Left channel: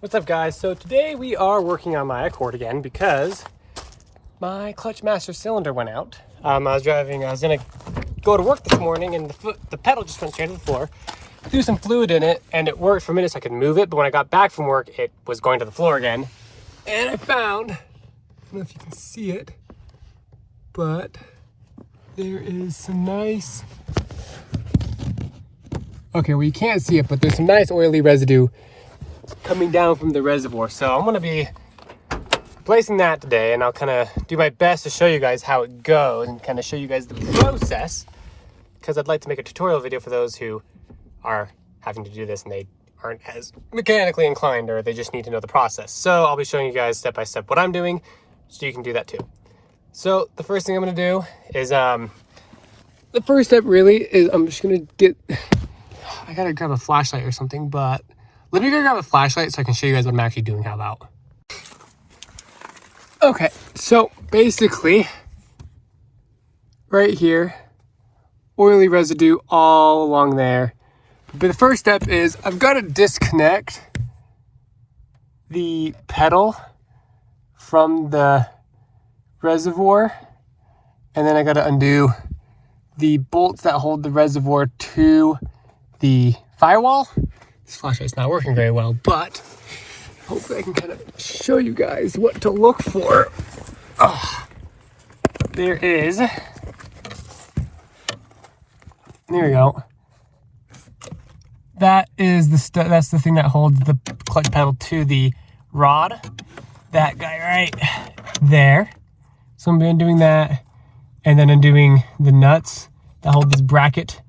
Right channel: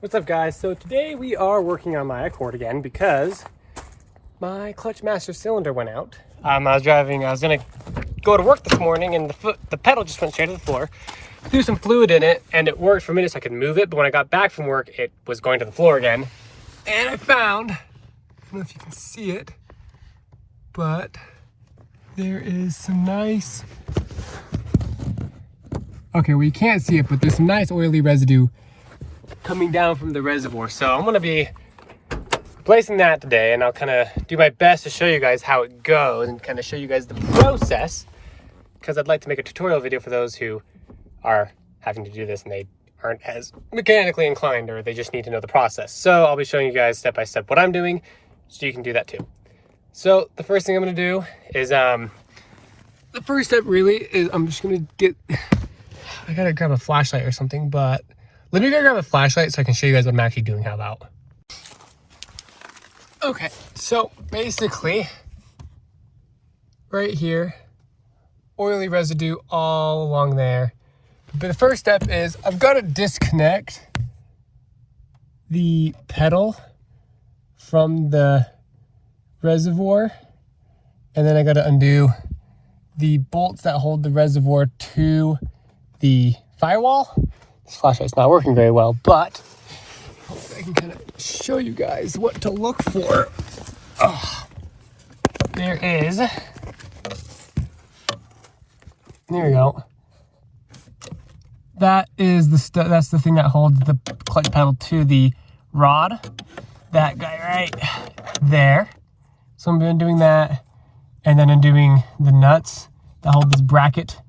What's up, guys? So today we are working on my Accord again because my clutch master cylinder went out. I was gonna go to work this morning and the pedal just went straight to the floor. Threw some fluid in it and it worked for a minute so I could move it, but when I got back from work it was going to the floor again. And I found, I don't know if you can see it, but there is some nice, okay, well you can't see it, but there's some nice oily residue coming down from the reservoir. So I'm gonna be replacing that today, and I'll kind of do my best to show you guys how it goes and kind of show you guys the process, because I'd like to make a tutorial video for those who are having to do this and they aren't as mechanically inclined, or they just need to know the process. So I'll be showing you guys step by step what I'm doing so you can do that too. So the first thing I'm gonna do is the first step really is I'm just gonna get, I gotta grab a flashlight or something, but let me go grab a flashlight so I can show you guys what I'm actually doing. How about? Okay, so basically, right here, oily residue all along there. But the first step is I've got to disconnect the pedal from the reservoir, and then I got to undo the bolts that hold the reservoir to the firewall. This flashlight's not working very well, but hopefully I can kind of show you guys what to look for. There we go. That's the thing that holds the clutch pedal to the rod. That guy right there. So I'm doing that, and then undoing the nuts that hold this bracket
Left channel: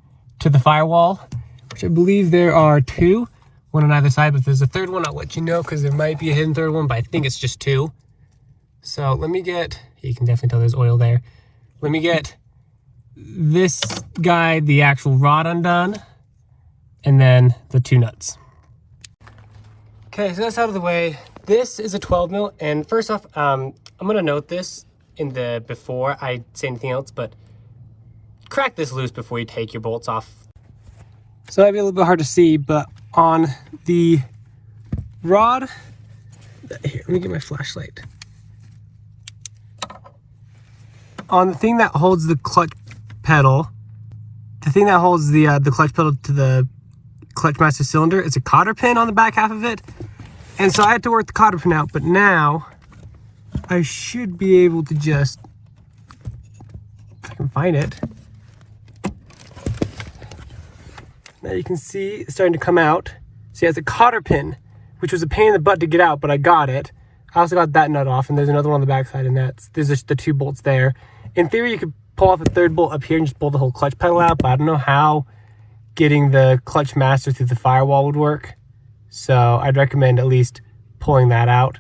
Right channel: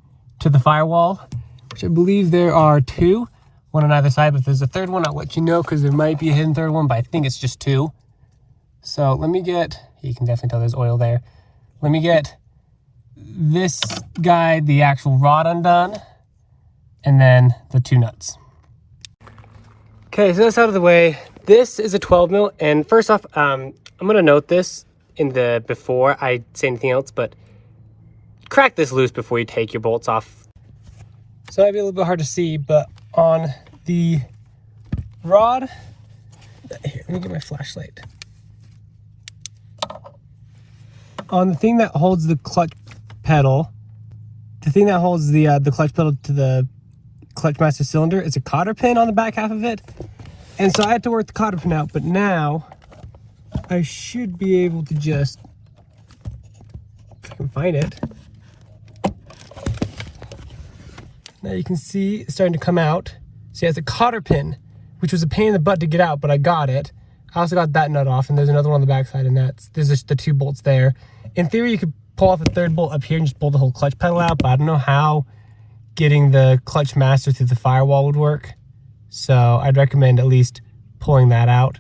to the firewall, which I believe there are two. One on either side, but if there's a third one, I'll let you know, because there might be a hidden third one, but I think it's just two. So let me get, you can definitely tell there's oil there. Let me get this guy, the actual rod undone, and then the two nuts. Okay, so that's out of the way. This is a 12 mil, and first off, I'm gonna note this in the before I say anything else, but crack this loose before you take your bolts off. So it might be a little bit hard to see, but on the rod, here, let me get my flashlight. On the thing that holds the clutch pedal, the thing that holds the clutch pedal to the clutch master cylinder, it's a cotter pin on the back half of it. And so I had to work the cotter pin out, but now I should be able to just, if I can find it. Now you can see it's starting to come out. See, it has a cotter pin, which was a pain in the butt to get out, but I got it. I also got that nut off, and there's another one on the backside, and there's just the two bolts there. In theory, you could pull off a third bolt up here and just pull the whole clutch pedal out, but I don't know how getting the clutch master through the firewall would work. So I'd recommend at least pulling that out.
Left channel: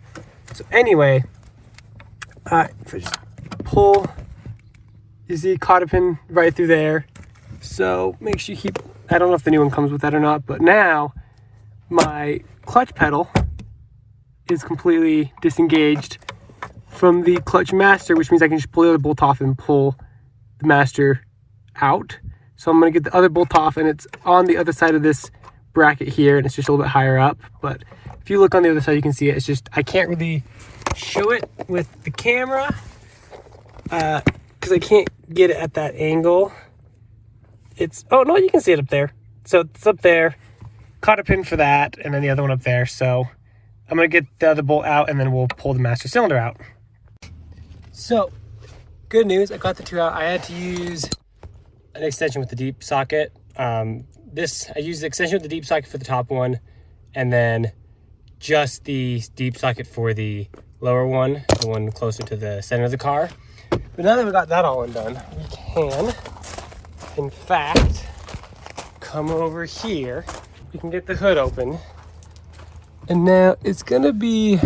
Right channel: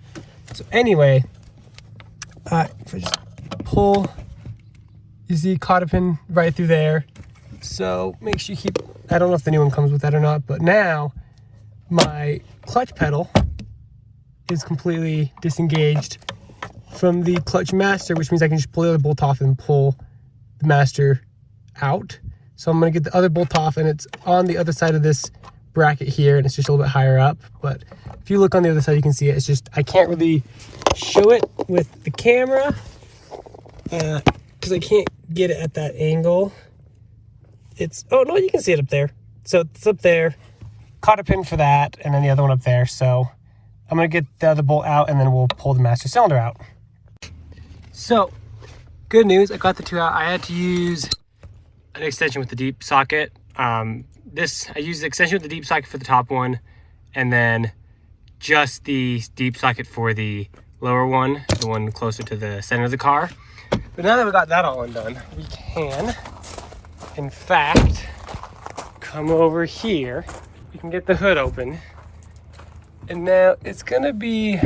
So anyway, if I just pull, you see cotter pin right through there. So make sure you keep, I don't know if the new one comes with that or not, but now my clutch pedal is completely disengaged from the clutch master, which means I can just pull the other bolt off and pull the master out. So I'm gonna get the other bolt off, and it's on the other side of this bracket here, and it's just a little bit higher up. But if you look on the other side, you can see it. It's just, I can't really show it with the camera because I can't get it at that angle. It's, oh no, you can see it up there. So it's up there, cotter pin for that, and then the other one up there. So I'm gonna get the other bolt out, and then we'll pull the master cylinder out. So good news, I got the two out. I had to use an extension with the deep socket. I used the extension with the deep socket for the top one, and then just the deep socket for the lower one, the one closer to the center of the car. But now that we got that all undone, we can, in fact, come over here. We can get the hood open. And now it's gonna be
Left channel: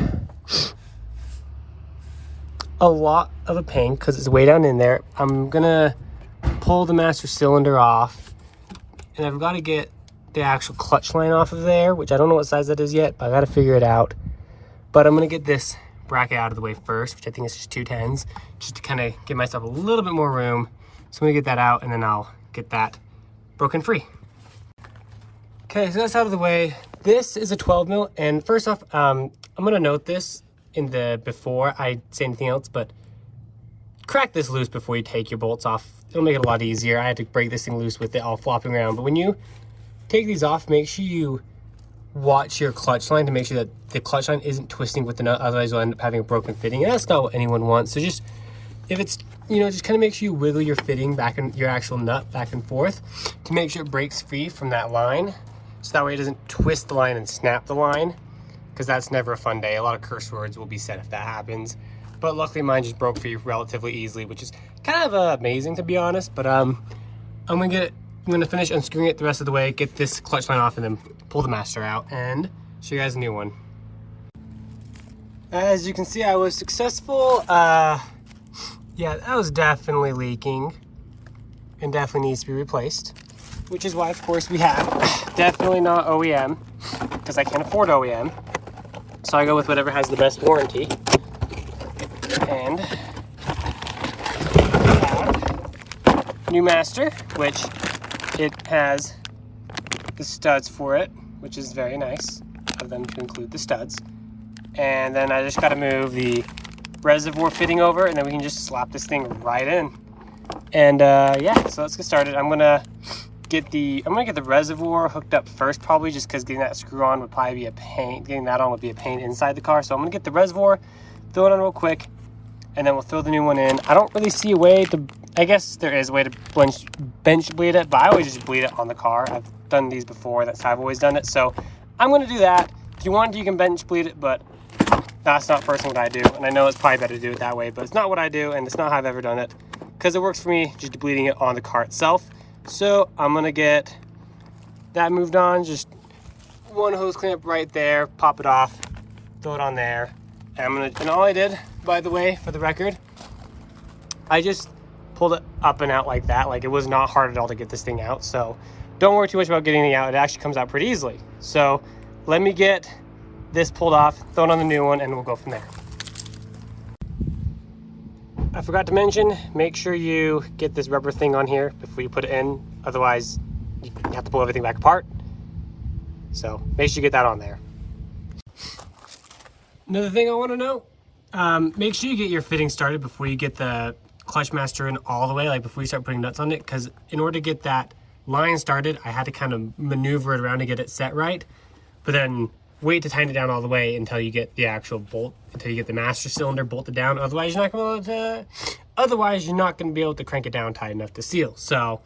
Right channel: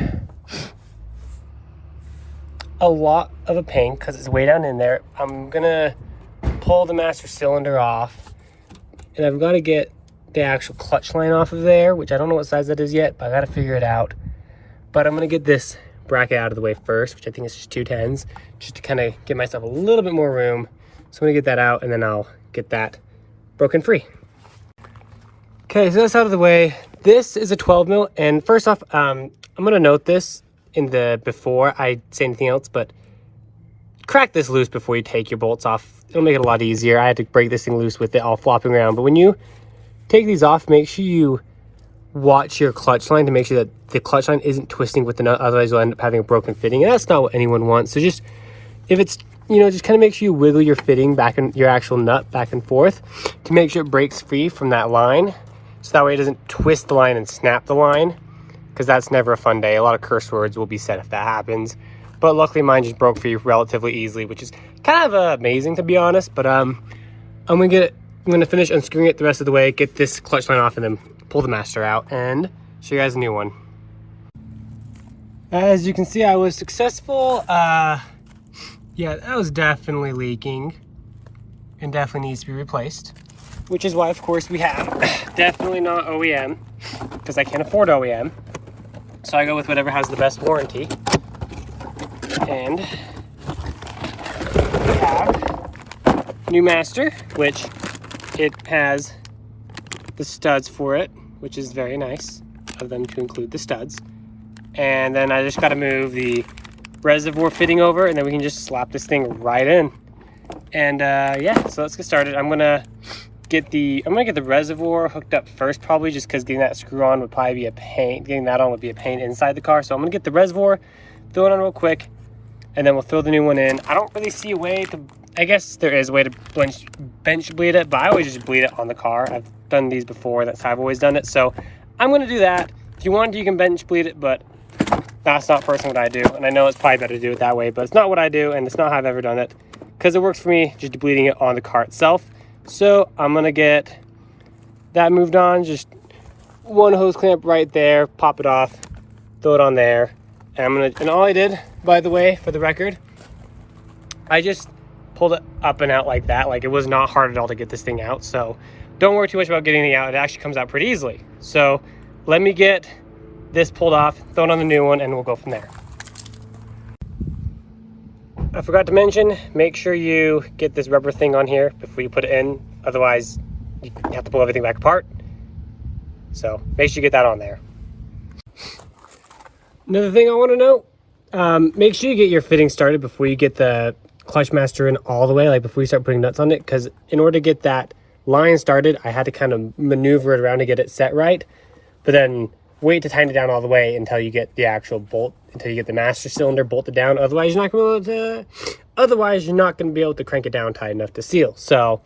a lot of a pain because it's way down in there. I'm gonna pull the master cylinder off, and I've got to get the actual clutch line off of there, which I don't know what size that is yet, but I got to figure it out. But I'm gonna get this bracket out of the way first, which I think is just 210s, just to kind of give myself a little bit more room. So I'm gonna get that out, and then I'll get that broken free. Okay, so that's out of the way. This is a 12 mil, and first off, I'm gonna note this in the before I say anything else, but crack this loose before you take your bolts off. It'll make it a lot easier. I had to break this thing loose with it all flopping around, but when you take these off, make sure you watch your clutch line to make sure that the clutch line isn't twisting with the nut, otherwise you'll end up having a broken fitting, and that's not what anyone wants. So just, if it's, you know, just kind of make sure you wiggle your fitting back and your actual nut back and forth to make sure it breaks free from that line. So that way it doesn't twist the line and snap the line, because that's never a fun day. A lot of curse words will be said if that happens. But luckily mine just broke free relatively easily, which is kind of amazing to be honest. But I'm gonna finish unscrewing it the rest of the way, get this clutch line off, and then pull the master out and show you guys a new one. As you can see, I was successful. Yeah, that was definitely leaking and definitely needs to be replaced, which is why of course we have definitely not OEM, because I can't afford OEM, so I go with whatever has the best warranty. And we have new master, which it has the studs for it, which is very nice of them to include the studs. And then I just got to move the reservoir fitting over, and then we can just slap this thing right in. And yeah, so let's get started. I'm gonna get the reservoir hooked up first, probably, just because getting that screw on would probably be a pain. Getting that on would be a pain inside the car. So I'm gonna get the reservoir, throw it on real quick, and then we'll throw the new one in. I don't really see a way to, I guess there is a way to bench bleed it, but I always just bleed it on the car. I've done these before, that's how I've always done it. So I'm gonna do that. If you want to, you can bench bleed it, but that's not personally what I do. And I know it's probably better to do it that way, but it's not what I do, and it's not how I've ever done it, because it works for me just bleeding it on the car itself. So I'm gonna get that moved on. Just one hose clamp right there, pop it off, throw it on there. And all I did, by the way, for the record, I just pulled it up and out like that. Like, it was not hard at all to get this thing out. So don't worry too much about getting it out. It actually comes out pretty easily. So let me get this pulled off, throw it on the new one, and we'll go from there. I forgot to mention, make sure you get this rubber thing on here before you put it in. Otherwise, you have to pull everything back apart. So make sure you get that on there. Another thing I want to know, make sure you get your fitting started before you get the clutch master in all the way, like before you start putting nuts on it, because in order to get that line started, I had to kind of maneuver it around to get it set right, but then wait to tighten it down all the way until you get the actual bolt, until you get the master cylinder bolted down. Otherwise, you're not going to be able to crank it down tight enough to seal. So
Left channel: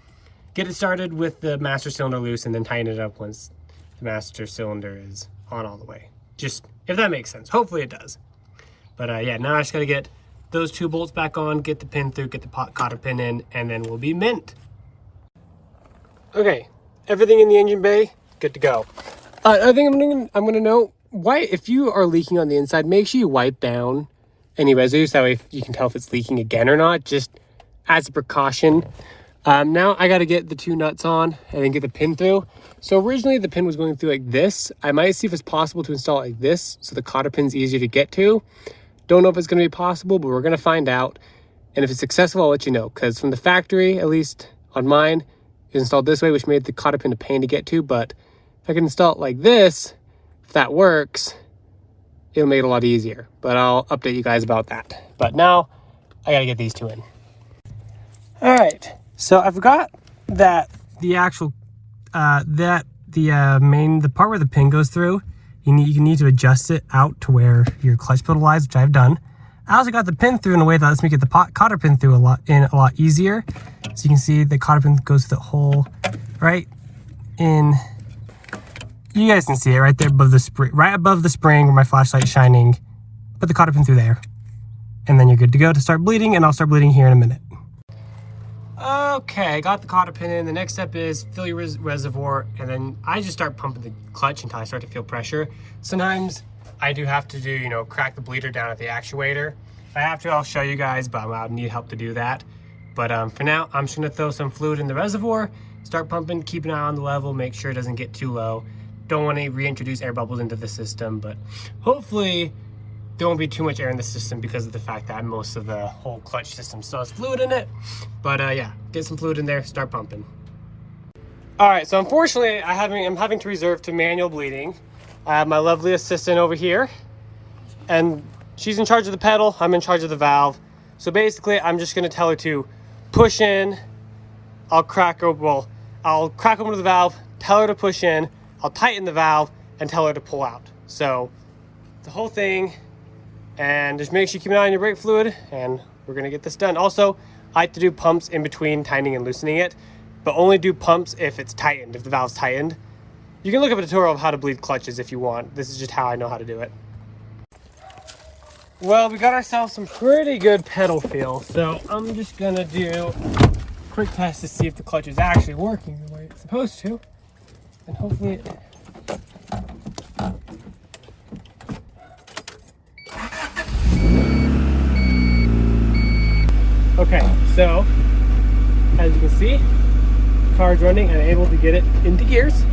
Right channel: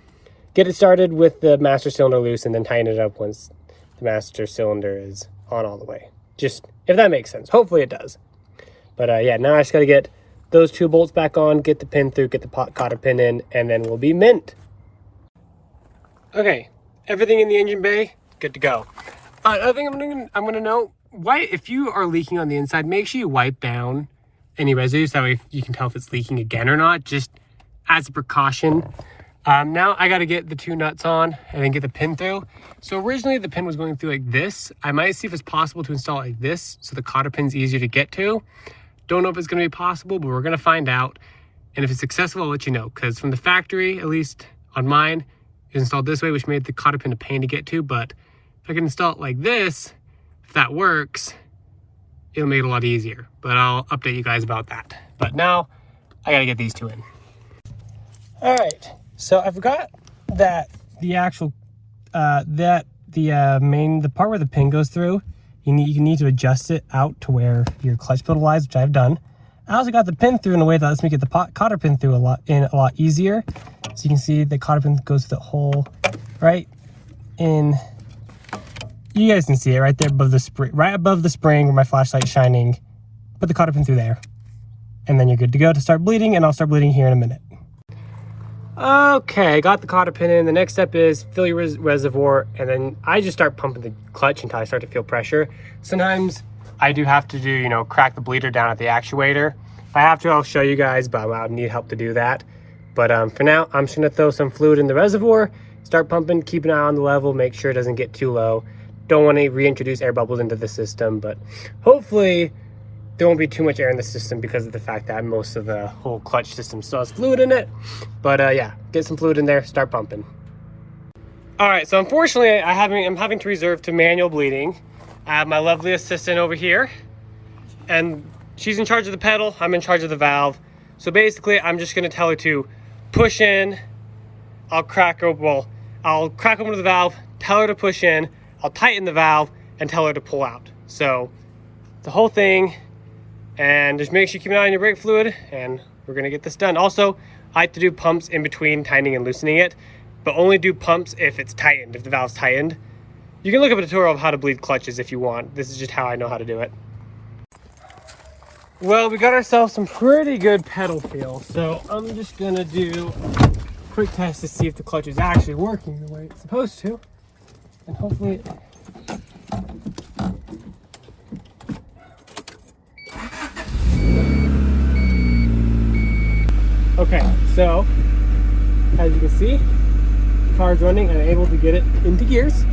get it started with the master cylinder loose, and then tighten it up once the master cylinder is on all the way. Just, if that makes sense. Hopefully it does. But yeah, now I just got to get those two bolts back on, get the pin through, get the cotter pin in, and then we'll be mint. Okay, everything in the engine bay, good to go. I think I'm gonna know why, if you are leaking on the inside, make sure you wipe down any residues. That way you can tell if it's leaking again or not, just as a precaution. Now I got to get the two nuts on and then get the pin through. So originally the pin was going through like this. I might see if it's possible to install it like this, so the cotter pin's easier to get to. Don't know if it's going to be possible, but we're going to find out. And if it's successful, I'll let you know, because from the factory, at least on mine, it's installed this way, which made the cotter pin a pain to get to. But if I can install it like this, if that works, it'll make it a lot easier. But I'll update you guys about that. But now I got to get these two in. All right. So I forgot that the actual, the part where the pin goes through, you need to adjust it out to where your clutch pedal lies, which I've done. I also got the pin through in a way that lets me get the cotter pin through a lot easier. So you can see the cotter pin goes through the hole right in. You guys can see it right there above the spring, right above the spring where my flashlight's shining. Put the cotter pin through there, and then you're good to go to start bleeding. And I'll start bleeding here in a minute. Okay, got the cotter pin in. The next step is fill your reservoir, and then I just start pumping the clutch until I start to feel pressure. Sometimes I do have to do, crack the bleeder down at the actuator. If I have to, I'll show you guys, but I'll need help to do that. But for now, I'm just gonna throw some fluid in the reservoir, start pumping, keep an eye on the level, make sure it doesn't get too low. Don't want to reintroduce air bubbles into the system, but hopefully there won't be too much air in the system because of the fact that most of the whole clutch system still has fluid in it. But yeah, get some fluid in there, start pumping. All right, so unfortunately, I'm having to resort to manual bleeding. I have my lovely assistant over here, and she's in charge of the pedal. I'm in charge of the valve. So basically, I'm just gonna tell her to push in. I'll crack open the valve, tell her to push in, I'll tighten the valve, and tell her to pull out. So the whole thing, and just make sure you keep an eye on your brake fluid, and we're gonna get this done. Also, I like to do pumps in between tightening and loosening it, but only do pumps if it's tightened, if the valve's tightened. You can look up a tutorial of how to bleed clutches if you want. This is just how I know how to do it. Well, we got ourselves some pretty good pedal feel, so I'm just gonna do a quick test to see if the clutch is actually working the way it's supposed to, and hopefully it... Okay, so as you can see, the car is running and I'm able to get it into gears.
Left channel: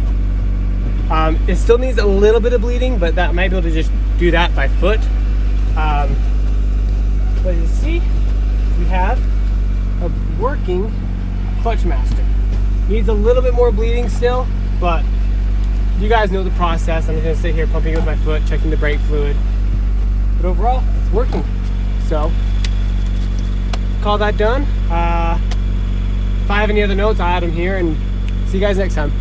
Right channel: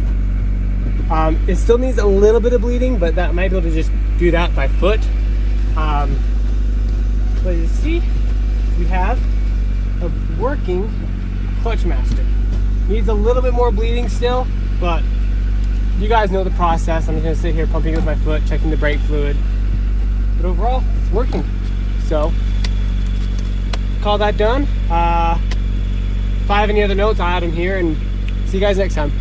It still needs a little bit of bleeding, but that might be able to just do that by foot. But you see, we have a working clutch master. Needs a little bit more bleeding still, but you guys know the process. I'm just gonna sit here pumping it with my foot, checking the brake fluid. But overall, it's working. So, call that done. If I have any other notes, I'll add them here, and see you guys next time.